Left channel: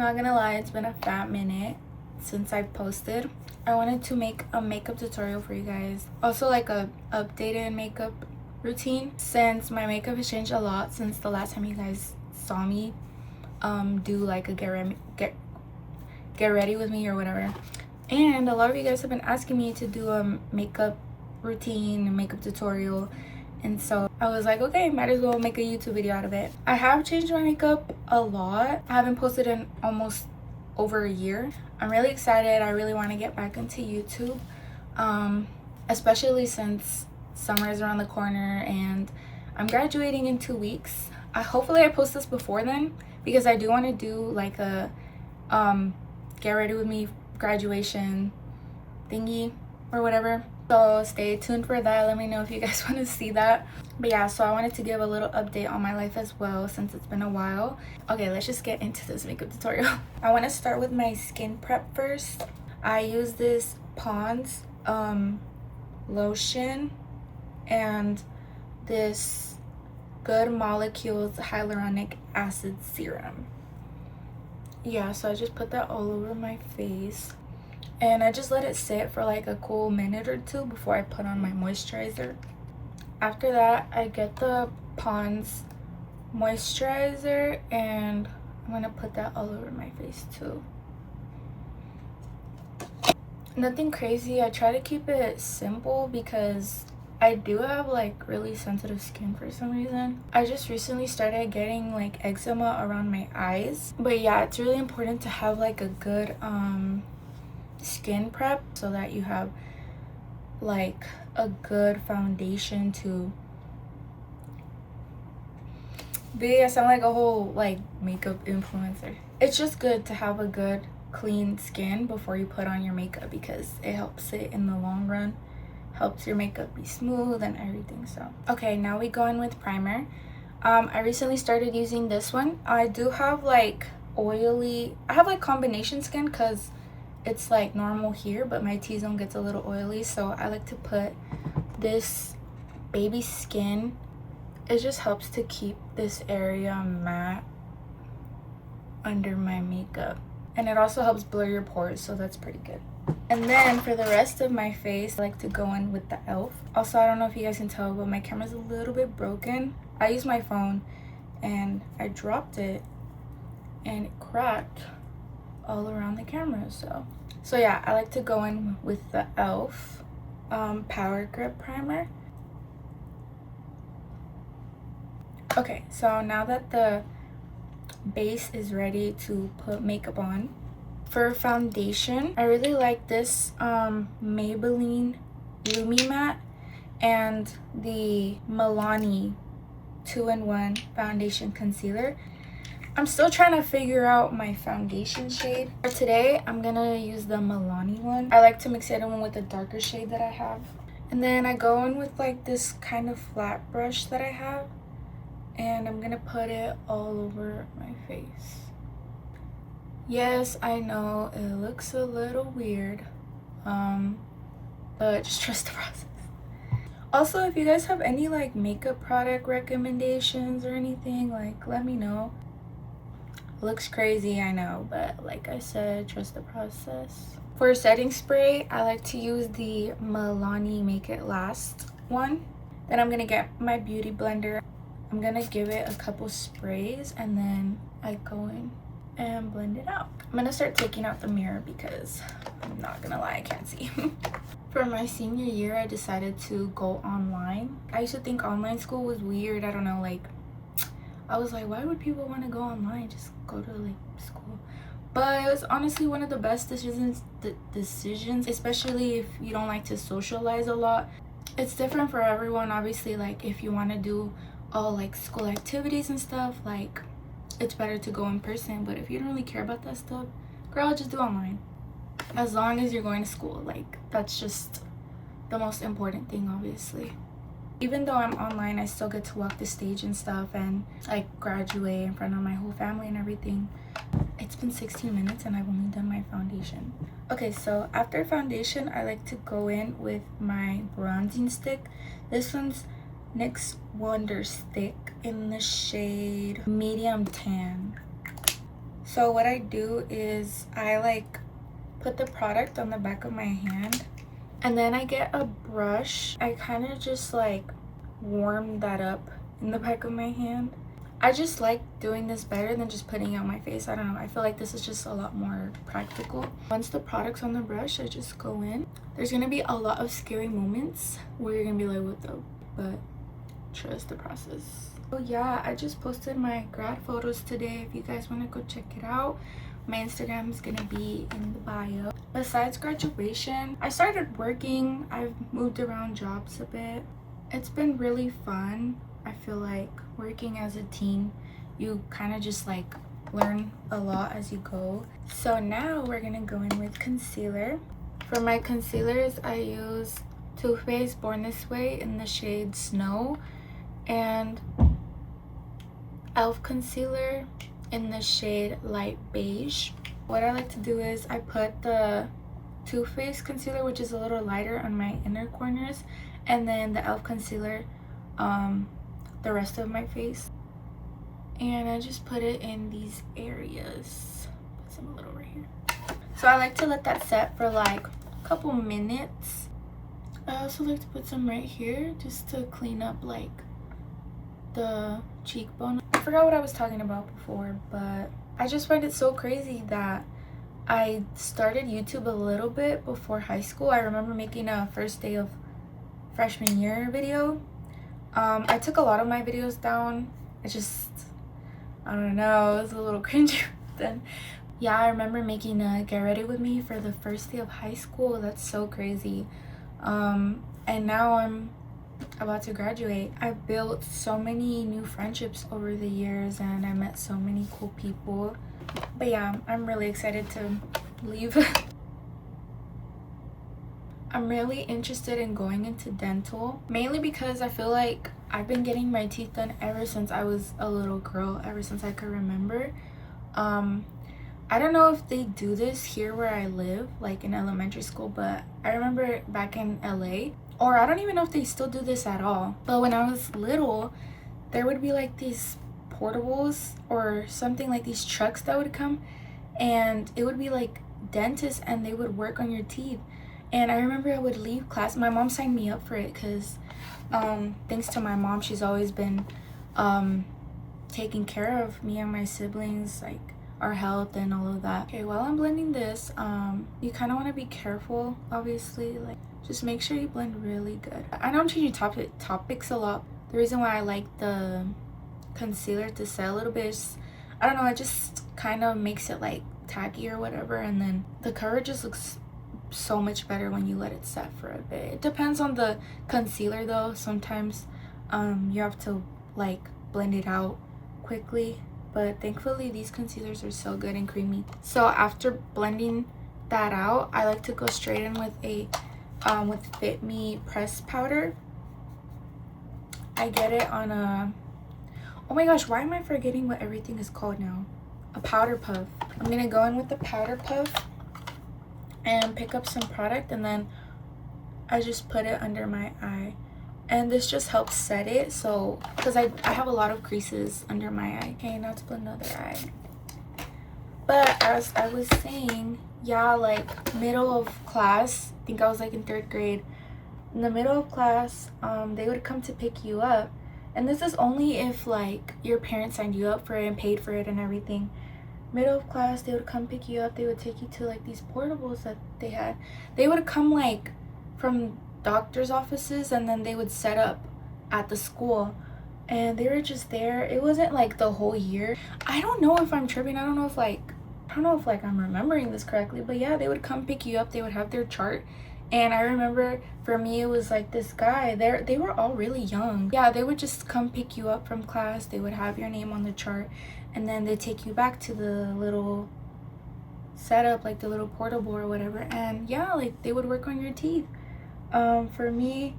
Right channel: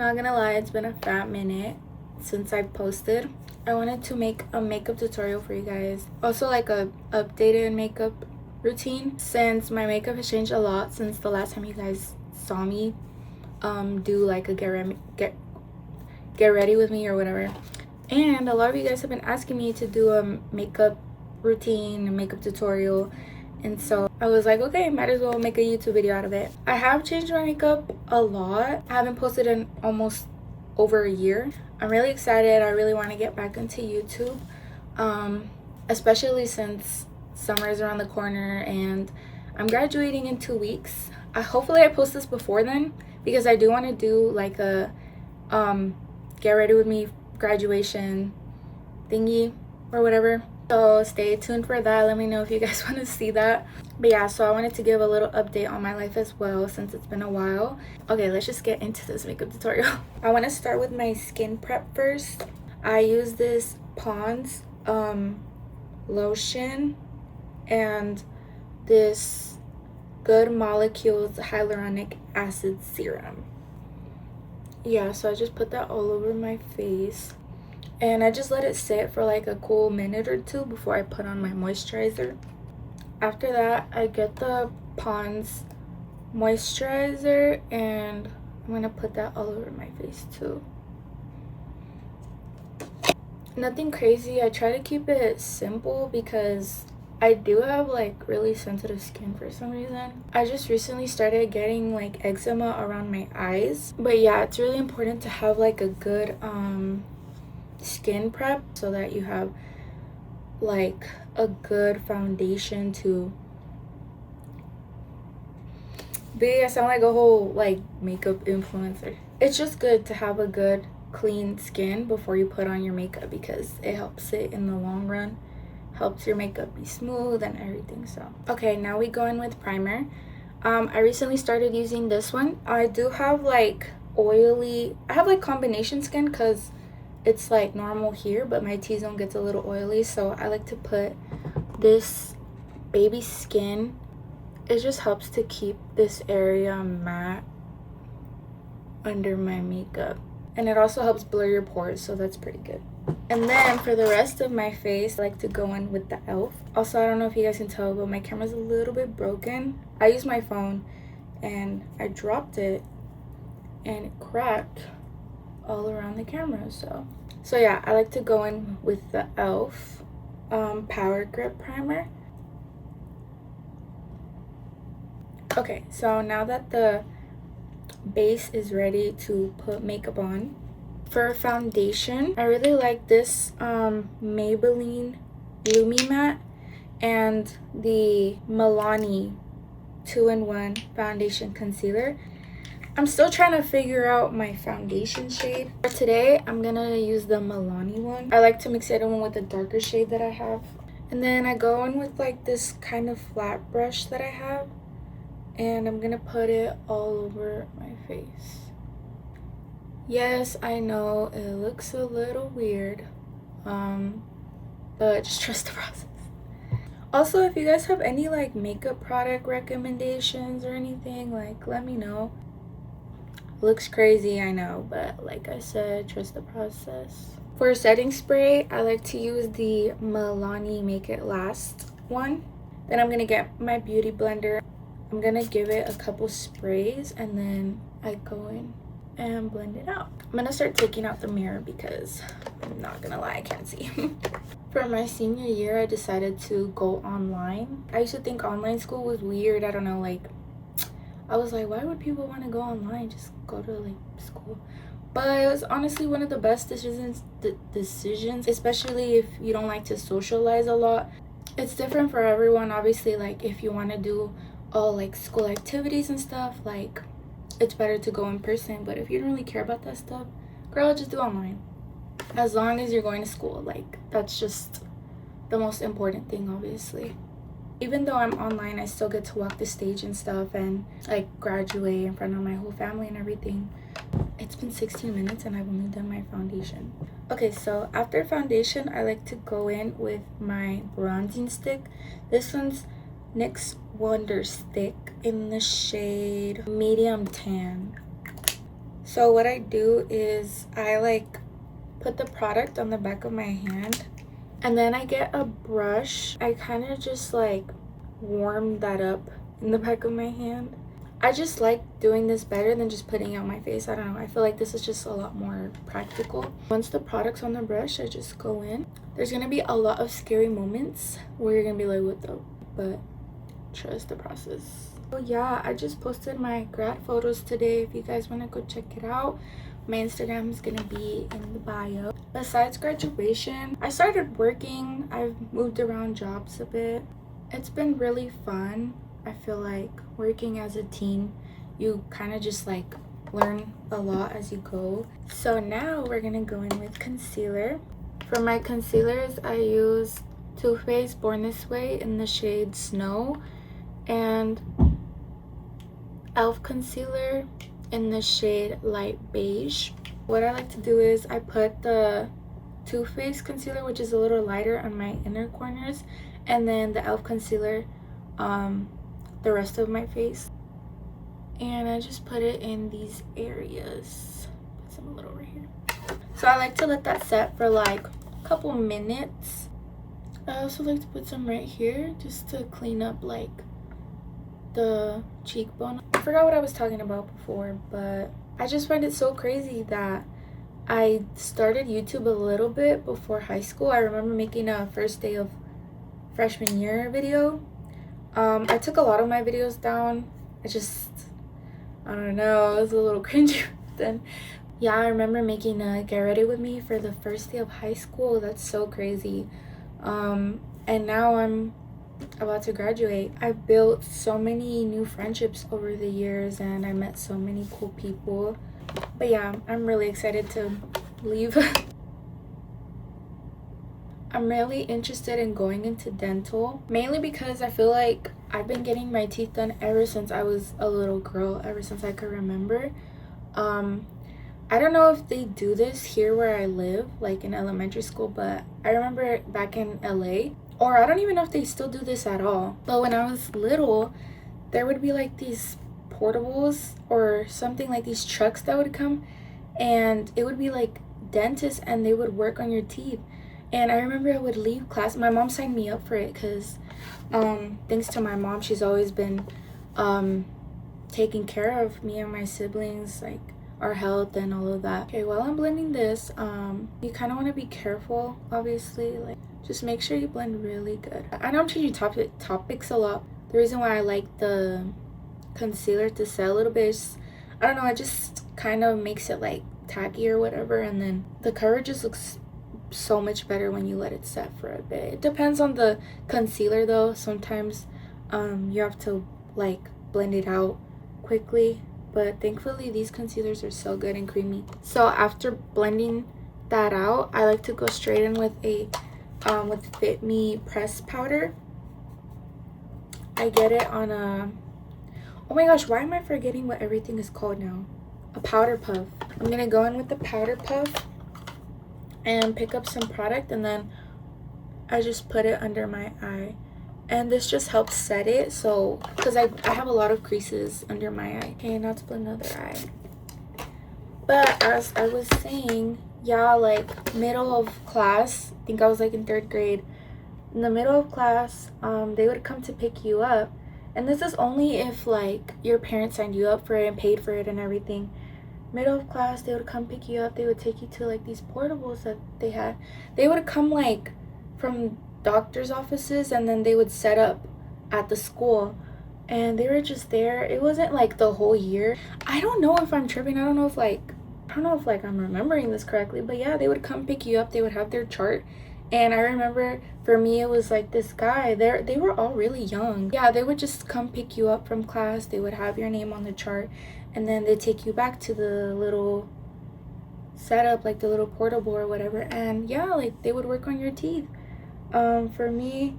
Not gonna lie, it's been a fat minute since I posted. I wanted to make a makeup tutorial for you guys. Also like a updated makeup routine, since my makeup has changed a lot since the last time you guys saw me do like a get ready with me or whatever. And a lot of you guys have been asking me to do a makeup routine and makeup tutorial, and so I was like, okay, might as well make a YouTube video out of it. I have changed my makeup a lot. I haven't posted in almost over a year. I'm really excited. I really want to get back into YouTube, especially since summer is around the corner and I'm graduating in 2 weeks. Hopefully I post this before then, because I do want to do like a get ready with me graduation thingy or whatever. So stay tuned for that. Let me know if you guys want to see that. But yeah, so I wanted to give a little update on my life as well, since it's been a while. Okay, let's just get into this makeup tutorial. I want to start with my skin prep first. I use this Pond's lotion and this Good Molecules hyaluronic acid serum. Yeah, so I just put that all over my face, and I just let it sit for like a cool minute or two before I put on my moisturizer. After that, I get the Pond's moisturizer and I'm gonna put that all over my face too. Nothing crazy. I try to keep it simple because I do have like really sensitive skin for some reason. I just recently started getting like eczema around my eyes. But yeah, it's really important to have like a good skin prep so that you have like a good foundation to be. I sound like a whole like makeup influencer. It's just good to have a good clean skin before you put on your makeup, because it helps it in the long run, helps your makeup be smooth and everything. So okay, now we go in with primer. I recently started using this one. I do have like oily, I have like combination skin because it's like normal here, but my T-zone gets a little oily, so I like to put this Baby Skin. It just helps to keep this area matte under my makeup, and it also helps blur your pores, so that's pretty good. And then for the rest of my face, I like to go in with the e.l.f. Also, I don't know if you guys can tell, but my camera's a little bit broken. I use my phone and I dropped it and it cracked all around the camera. So yeah, I like to go in with the e.l.f. Power Grip Primer. Okay, so now that the base is ready to put makeup on, for foundation, I really like this Maybelline Lumi Matte and the Milani 2-in-1 foundation concealer. I'm still trying to figure out my foundation shade. For today, I'm gonna use the Milani one. I like to mix it in with a darker shade that I have. And then I go in with like this kind of flat brush that I have, and I'm gonna put it all over my face. Yes, I know it looks a little weird, but just trust the process. Also, if you guys have any like makeup product recommendations or anything, like let me know. Looks crazy, I know, but like I said, trust the process. For setting spray, I like to use the Milani Make It Last one. Then I'm gonna get my beauty blender. I'm gonna give it a couple sprays and then I go in and blend it out. I'm gonna start taking out the mirror because I'm not gonna lie, I can't see. For my senior year, I decided to go online. I used to think online school was weird. I don't know, like I was like, why would people want to go online? Just go to like school. But it was honestly one of the best decisions, especially if you don't like to socialize a lot. It's different for everyone, obviously. Like if you want to do all like school activities and stuff, like it's better to go in person. But if you don't really care about that stuff, girl, just do online. As long as you're going to school, like that's just the most important thing, obviously. Even though I'm online, I still get to walk the stage and stuff and like graduate in front of my whole family and everything. It's been 16 minutes and I've only done my foundation. Okay, so after foundation, I like to go in with my bronzing stick. This one's NYX Wonder Stick in the shade Medium Tan. So what I do is I like put the product on the back of my hand, and then I get a brush. I kind of just like warm that up in the back of my hand. I just like doing this better than just putting it on my face. I don't know, I feel like this is just a lot more practical. Once the product's on the brush, I just go in. There's gonna be a lot of scary moments where you're gonna be like, what the, but trust the process. So yeah, I just posted my grad photos today. If you guys want to go check it out, my Instagram is gonna be in the bio. Besides graduation, I started working. I've moved around jobs a bit. It's been really fun. I feel like working as a teen, you kind of just like learn a lot as you go. So now we're gonna go in with concealer. For my concealers, I use Too Faced Born This Way in the shade Snow, and e.l.f. concealer in the shade Light Beige. What I like to do is I put the Too Faced concealer, which is a little lighter, on my inner corners, and then the e.l.f. concealer the rest of my face, and I just put it in these areas. Put some a little right here. So I like to let that set for like a couple minutes. I also like to put some right here just to clean up like the cheekbone. I forgot what I was talking about before, but I just find it so crazy that I started YouTube a little bit before high school. I remember making a first day of freshman year video. I took a lot of my videos down. I don't know, it was a little cringy then. Yeah, I remember making a get ready with me for the first day of high school. That's so crazy. And now I'm about to graduate. I've built so many new friendships over the years, and I met so many cool people. But yeah, I'm really excited to leave. I'm really interested in going into dental, mainly because I feel like I've been getting my teeth done ever since I was a little girl, ever since I could remember. I don't know if they do this here where I live, like in elementary school, but I remember back in LA, or I don't even know if they still do this at all. But when I was little, there would be like these portables or something, like these trucks that would come, and it would be like dentists, and they would work on your teeth. And I remember I would leave class. My mom signed me up for it because thanks to my mom, she's always been taking care of me and my siblings, like our health and all of that. Okay, while I'm blending this, you kind of want to be careful, obviously. Like, just make sure you blend really good. I know I'm changing topics a lot. The reason why I like the concealer to set a little bit is, I don't know, it just kind of makes it like tacky or whatever, and then the coverage just looks so much better when you let it set for a bit. It depends on the concealer though. Sometimes you have to like blend it out quickly, but thankfully these concealers are so good and creamy. So after blending that out, I like to go straight in with a with Fit Me press powder. I get it on a, oh my gosh, why am I forgetting what everything is called now? A powder puff. I'm gonna go in with the powder puff and pick up some product, and then I just put it under my eye, and this just helps set it. So because I have a lot of creases under my eye. Okay, now to blend the other eye. But as I was saying, yeah, like middle of class, I think I was like in 3rd grade, in the middle of class, they would come to pick you up, and this is only if like your parents signed you up for it and paid for it and everything. Middle of class, they would come pick you up. They would take you to like these portables that they had. They would come like from doctor's offices, and then they would set up at the school, and they were just there. It wasn't like the whole year. I don't know if I'm tripping. I don't know if I'm remembering this correctly, but yeah, they would come pick you up. They would have their chart, and I remember for me it was like this guy. They were all really young. Yeah, they would just come pick you up from class. They would have your name on the chart, and then they take you back to the little setup, like the little portable or whatever, and yeah, like they would work on your teeth. For me,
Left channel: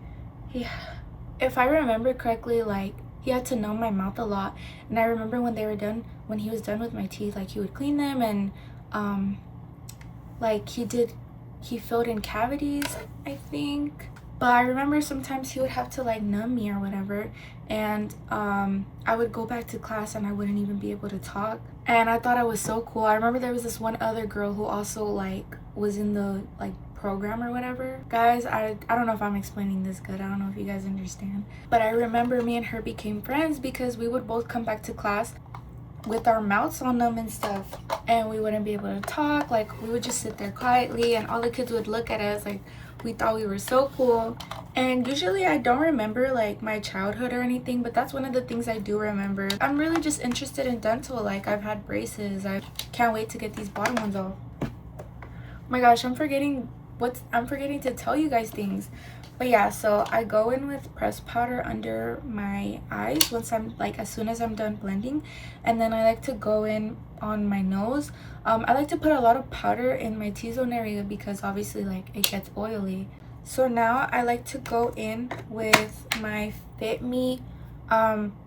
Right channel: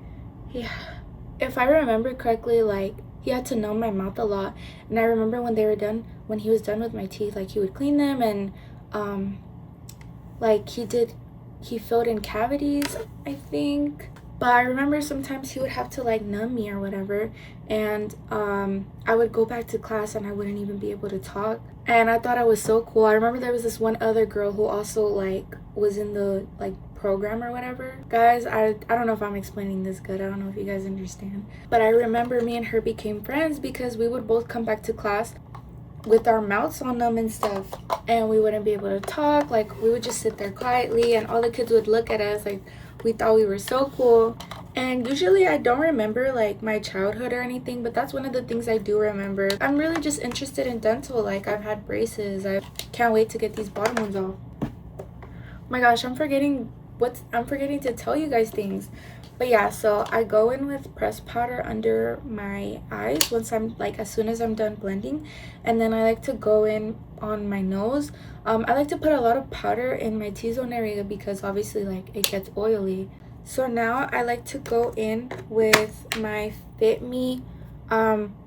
yeah, if I remember correctly, like he had to numb my mouth a lot, and I remember when he was done with my teeth, like he would clean them, and like he filled in cavities, I think. But I remember sometimes he would have to like numb me or whatever, and I would go back to class and I wouldn't even be able to talk. and I thought I was so cool. I remember there was this one other girl who also like was in the like program or whatever. Guys, I don't know if I'm explaining this good. I don't know if you guys understand, but I remember me and her became friends because we would both come back to class with our mouths on them and stuff, and we wouldn't be able to talk. Like, we would just sit there quietly and all the kids would look at us like we thought we were so cool. And usually I don't remember like my childhood or anything, but that's one of the things I do remember. I'm really just interested in dental. Like, I've had braces. I can't wait to get these bottom ones off. Oh my gosh, I'm forgetting to tell you guys things. But yeah, so I go in with pressed powder under my eyes once I'm like, as soon as I'm done blending, and then I like to go in on my nose. I like to put a lot of powder in my T-zone area because obviously like it gets oily. So now I like to go in with my Fit Me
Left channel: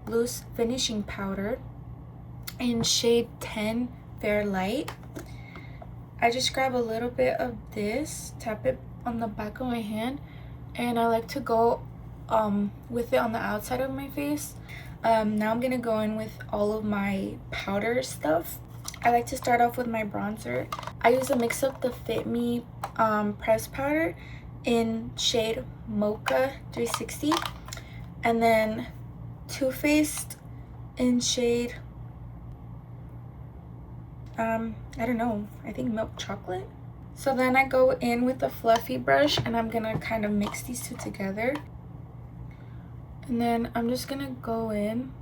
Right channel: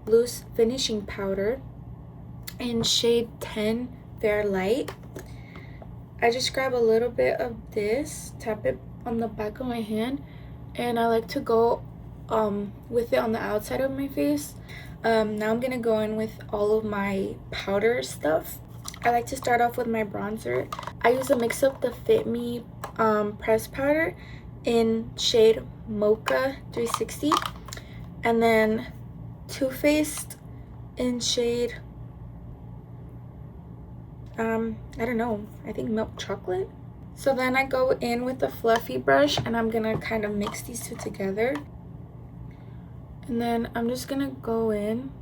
loose finishing powder in shade 10 Fair Light. I just grab a little bit of this, tap it on the back of my hand, and I like to go with it on the outside of my face. Now I'm gonna go in with all of my powder stuff. I like to start off with my bronzer. I use a mix of the Fit Me pressed powder in shade Mocha 360, and then Too Faced in shade I don't know, I think milk chocolate. So then I go in with a fluffy brush and I'm gonna kind of mix these two together, and then I'm just gonna go in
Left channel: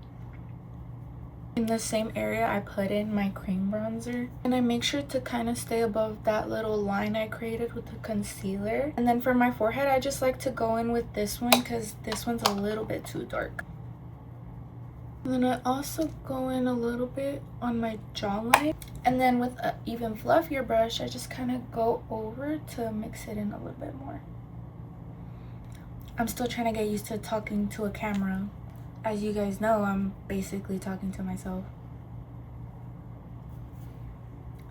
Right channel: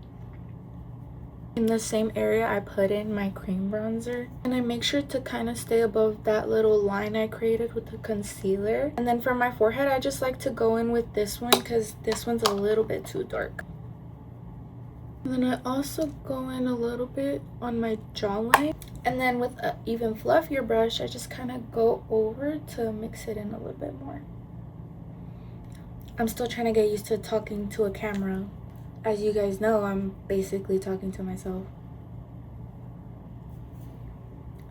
the same area I put in my cream bronzer, and I make sure to kind of stay above that little line I created with the concealer. And then for my forehead, I just like to go in with this one because this one's a little bit too dark. And then I also go in a little bit on my jawline, and then with an even fluffier brush I just kind of go over to mix it in a little bit more. I'm still trying to get used to talking to a camera. As you guys know, I'm basically talking to myself.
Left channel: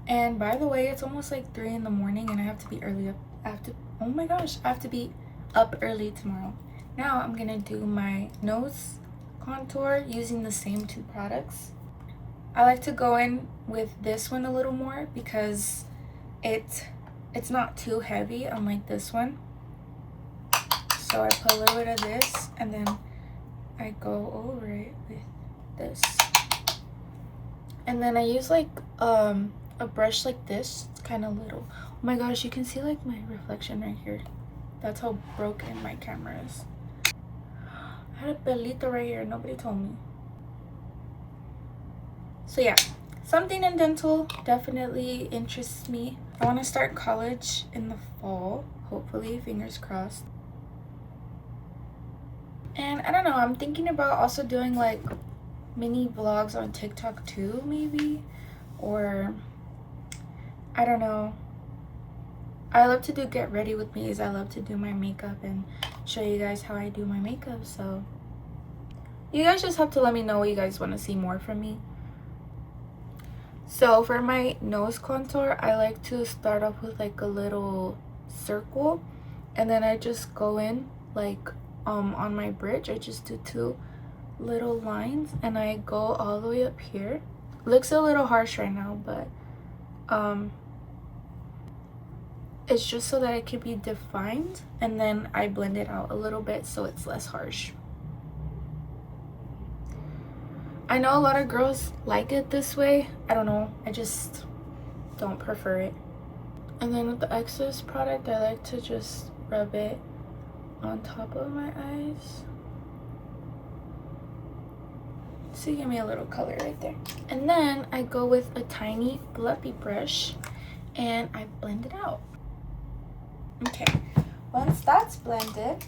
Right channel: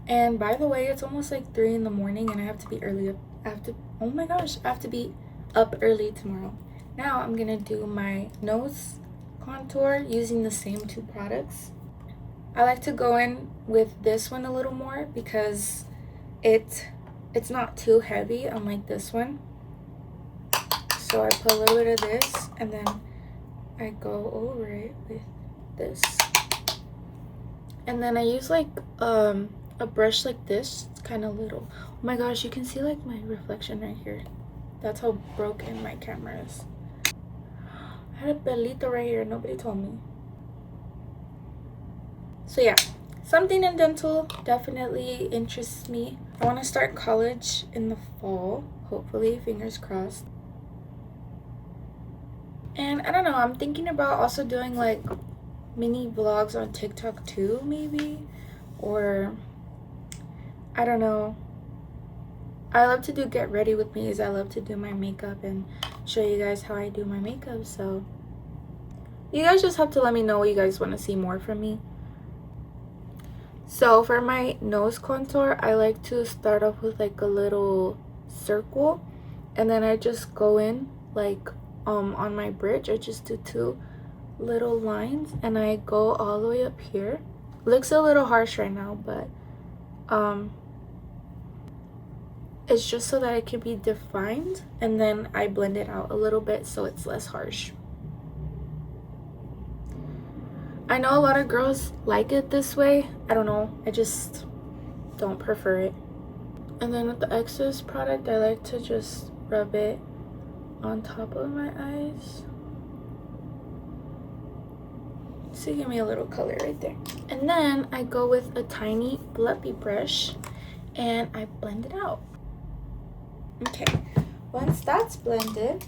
And by the way, it's almost like 3 in the morning and I have to be early up. Oh my gosh, I have to be up early tomorrow. Now I'm gonna do my nose contour using the same two products. I like to go in with this one a little more because it's not too heavy unlike this one. So I put a little bit of this and then I go over it with this. And then I use like a brush like this. It's kind of little. Oh my gosh, you can see like my reflection right here. That's how broken my camera is. I had a pelito right here, nobody told me. So yeah, something in dental definitely interests me. I want to start college in the fall, hopefully, fingers crossed. And I don't know, I'm thinking about also doing like mini vlogs on TikTok too, maybe, or I don't know. I love to do get ready with me's. I love to do my makeup and show you guys how I do my makeup. So you guys just have to let me know what you guys want to see more from me. So for my nose contour, I like to start off with like a little circle, and then I just go in like on my bridge. I just do 2 little lines and I go all the way up here. Looks a little harsh right now, but it's just so that it can be defined, and then I blend it out a little bit so it's less harsh. I know a lot of girls like it this way. I don't know, I just don't prefer it. And then with the excess product, I like to just rub it on top of my eyes. So give me a little color right there. And then I go with a tiny fluffy brush and I blend it out. Okay, once that's blended,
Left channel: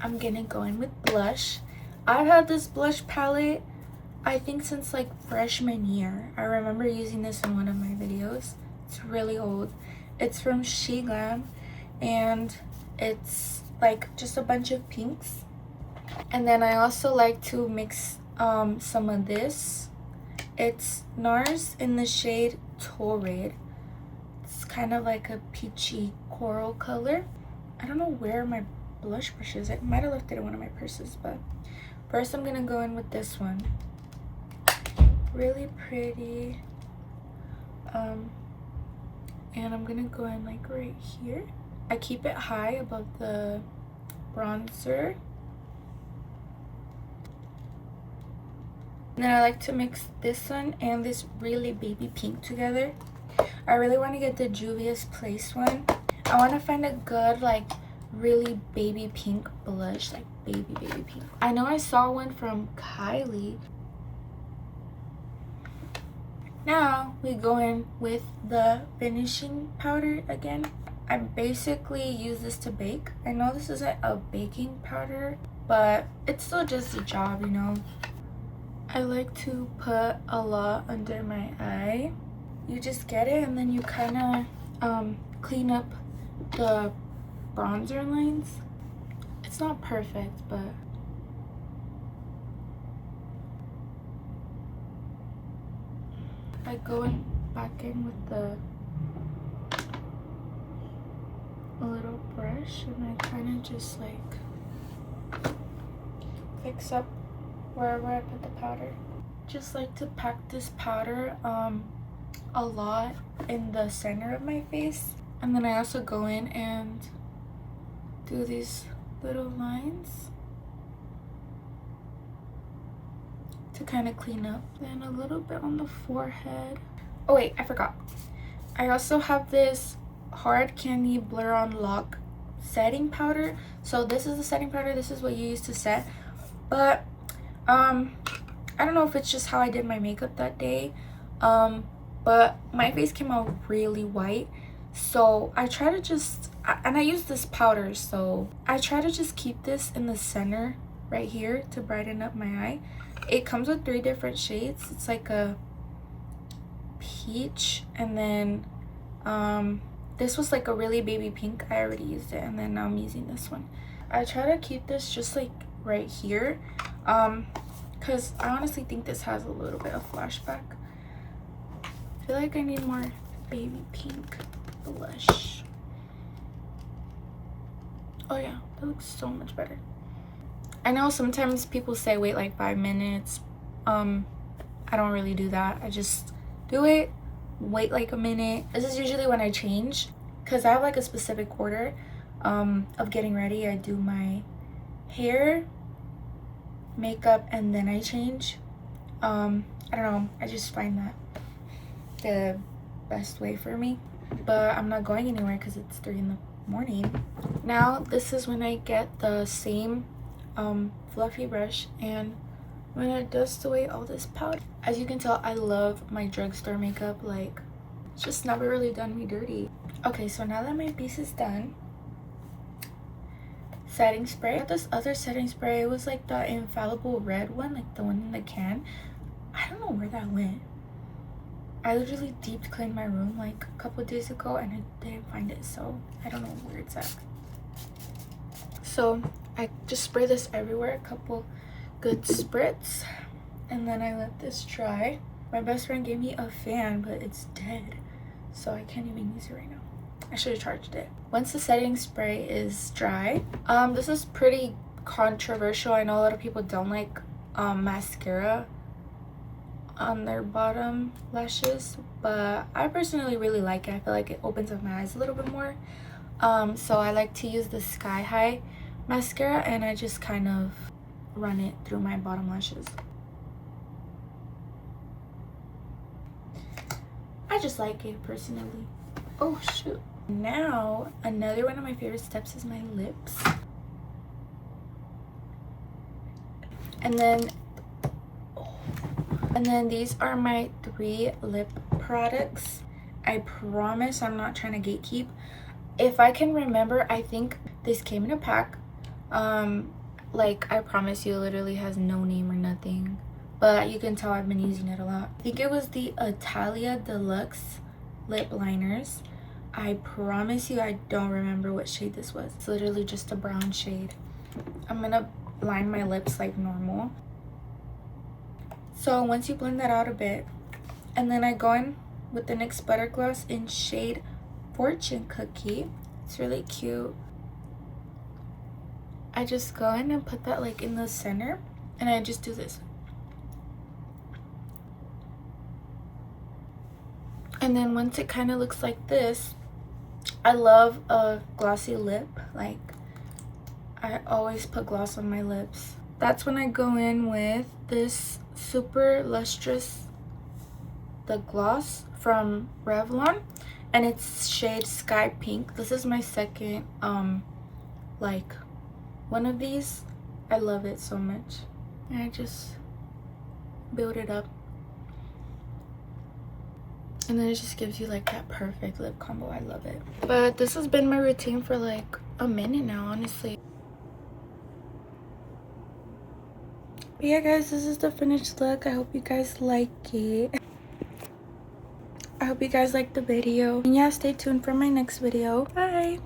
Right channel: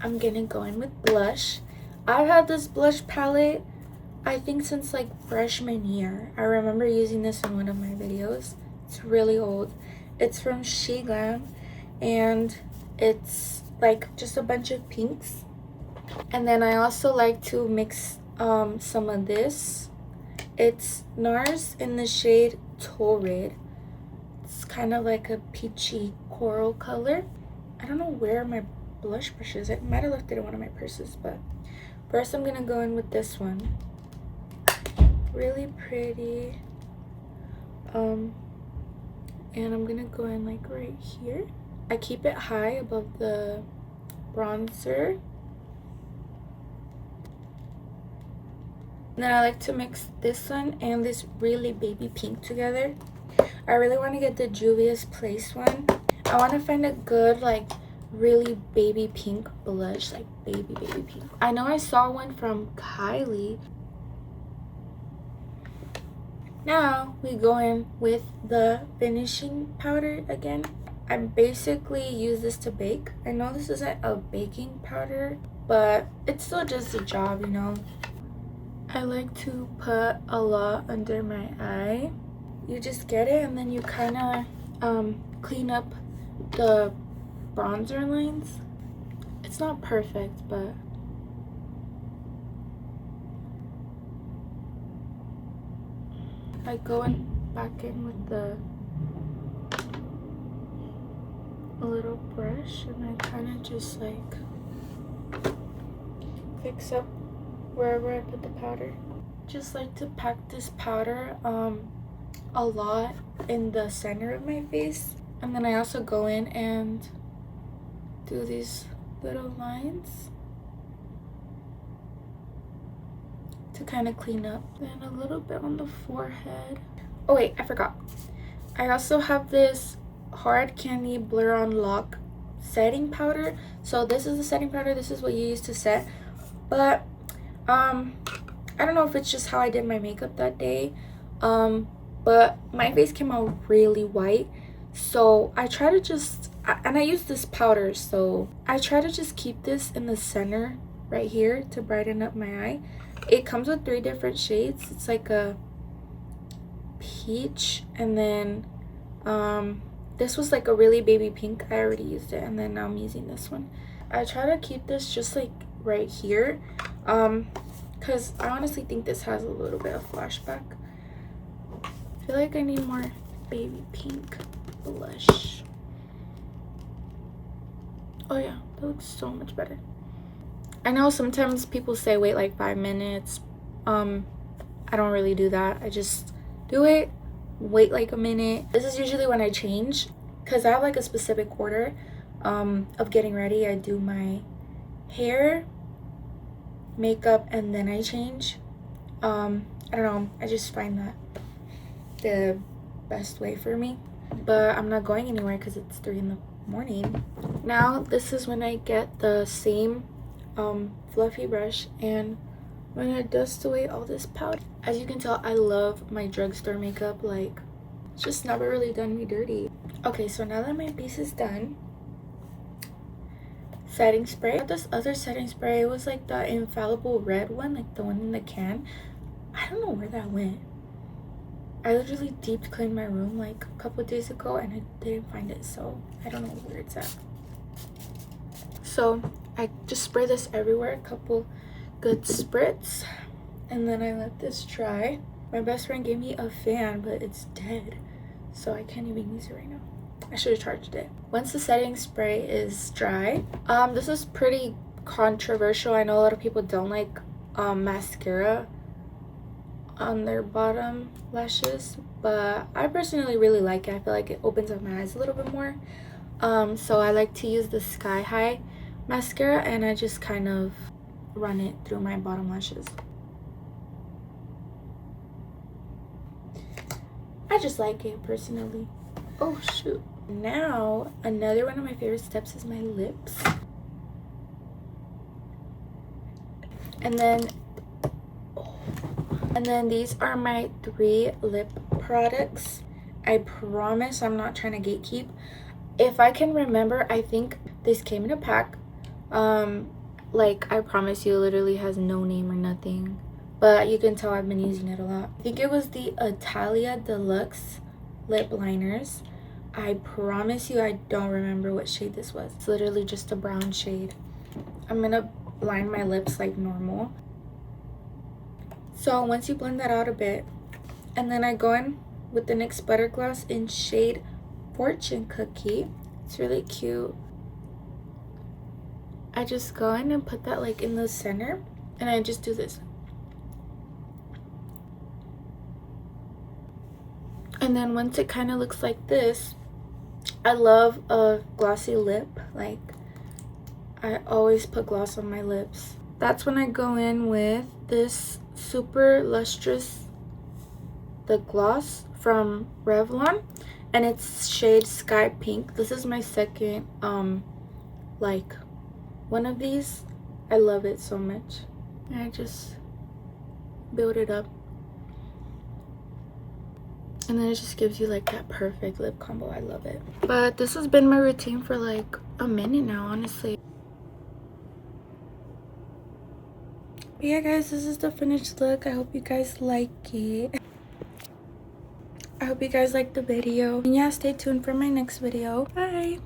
I'm gonna go in with blush. I've had this blush palette I think since like freshman year. I remember using this in one of my videos. It's really old. It's from She Glam and it's like just a bunch of pinks. And then I also like to mix some of this. It's NARS in the shade Torrid. It's kind of like a peachy coral color. I don't know where my blush brush is. I might have left it in one of my purses, but first I'm gonna go in with this one. Really pretty. And I'm gonna go in like right here. I keep it high above the bronzer. And then I like to mix this one and this really baby pink together. I really want to get the Juvia's Place one. I want to find a good like really baby pink blush, like baby pink. I know I saw one from Kylie. Now we go in with the finishing powder again. I basically use this to bake. I know this isn't a baking powder, but it's still just a job, you know. I like to put a lot under my eye. You just get it and then you kind of clean up the bronzer lines. It's not perfect, but I go in back in with a little brush and I kind of just like fix up wherever I put the powder. Just like to pack this powder a lot in the center of my face, and then I also go in and do these little lines to kind of clean up. Then a little bit on the forehead. Oh wait, I forgot. I also have this Hard Candy Blur On Lock setting powder. So this is the setting powder. This is what you use to set. But I don't know if it's just how I did my makeup that day. But my face came out really white. So I try to just, and I use this powder, so I try to just keep this in the center right here to brighten up my eye. It comes with 3 different shades. It's like a peach, and then this was like a really baby pink. I already used it, and then now I'm using this one. I try to keep this just like right here, because I honestly think this has a little bit of flashback. I feel like I need more baby pink blush. Oh yeah, that looks so much better. I know sometimes people say wait like 5 minutes. I don't really do that. I just do it, wait like a minute. This is usually when I change, because I have like a specific order of getting ready. I do my hair, makeup, and then I change. I don't know, I just find that the best way for me. But I'm not going anywhere because it's 3 in the morning. Now this is when I get the same fluffy brush and when I dust away all this powder. As you can tell, I love my drugstore makeup. Like, it's just never really done me dirty. Okay, so now that my piece is done, setting spray. I got this other setting spray. It was like the infallible red one, like the one in the can. I don't know where that went. I literally deep cleaned my room like a couple days ago and I didn't find it, so I don't know where it's at. So I just spray this everywhere, a couple good spritz, and then I let this dry. My best friend gave me a fan, but it's dead, so I can't even use it right now. I should have charged it. Once the setting spray is dry, this is pretty controversial. I know a lot of people don't like mascara on their bottom lashes, but I personally really like it. I feel like it opens up my eyes a little bit more. So I like to use the Sky High mascara and I just kind of run it through my bottom lashes. I just like it personally. Oh shoot. Now another one of my favorite steps is my lips. And then these are my 3 lip products. I promise I'm not trying to gatekeep. If I can remember, I think this came in a pack. Like, I promise you, it literally has no name or nothing, but you can tell I've been using it a lot. I think it was the Italia Deluxe lip liners. I promise you I don't remember what shade this was. It's literally just a brown shade. I'm gonna line my lips like normal. So once you blend that out a bit, and then I go in with the NYX Butter Gloss in shade Fortune Cookie. It's really cute. I just go in and put that like in the center, and I just do this. And then once it kind of looks like this, I love a glossy lip. Like, I always put gloss on my lips. That's when I go in with this super lustrous, the gloss from Revlon, and it's shade Sky Pink. This is my second like one of these. I love it so much, and I just build it up, and then it just gives you like that perfect lip combo. I love it. But this has been my routine for like a minute now, honestly. But yeah guys, this is the finished look. I hope you guys like it. I hope you guys liked the video, and yeah, stay tuned for my next video. Bye.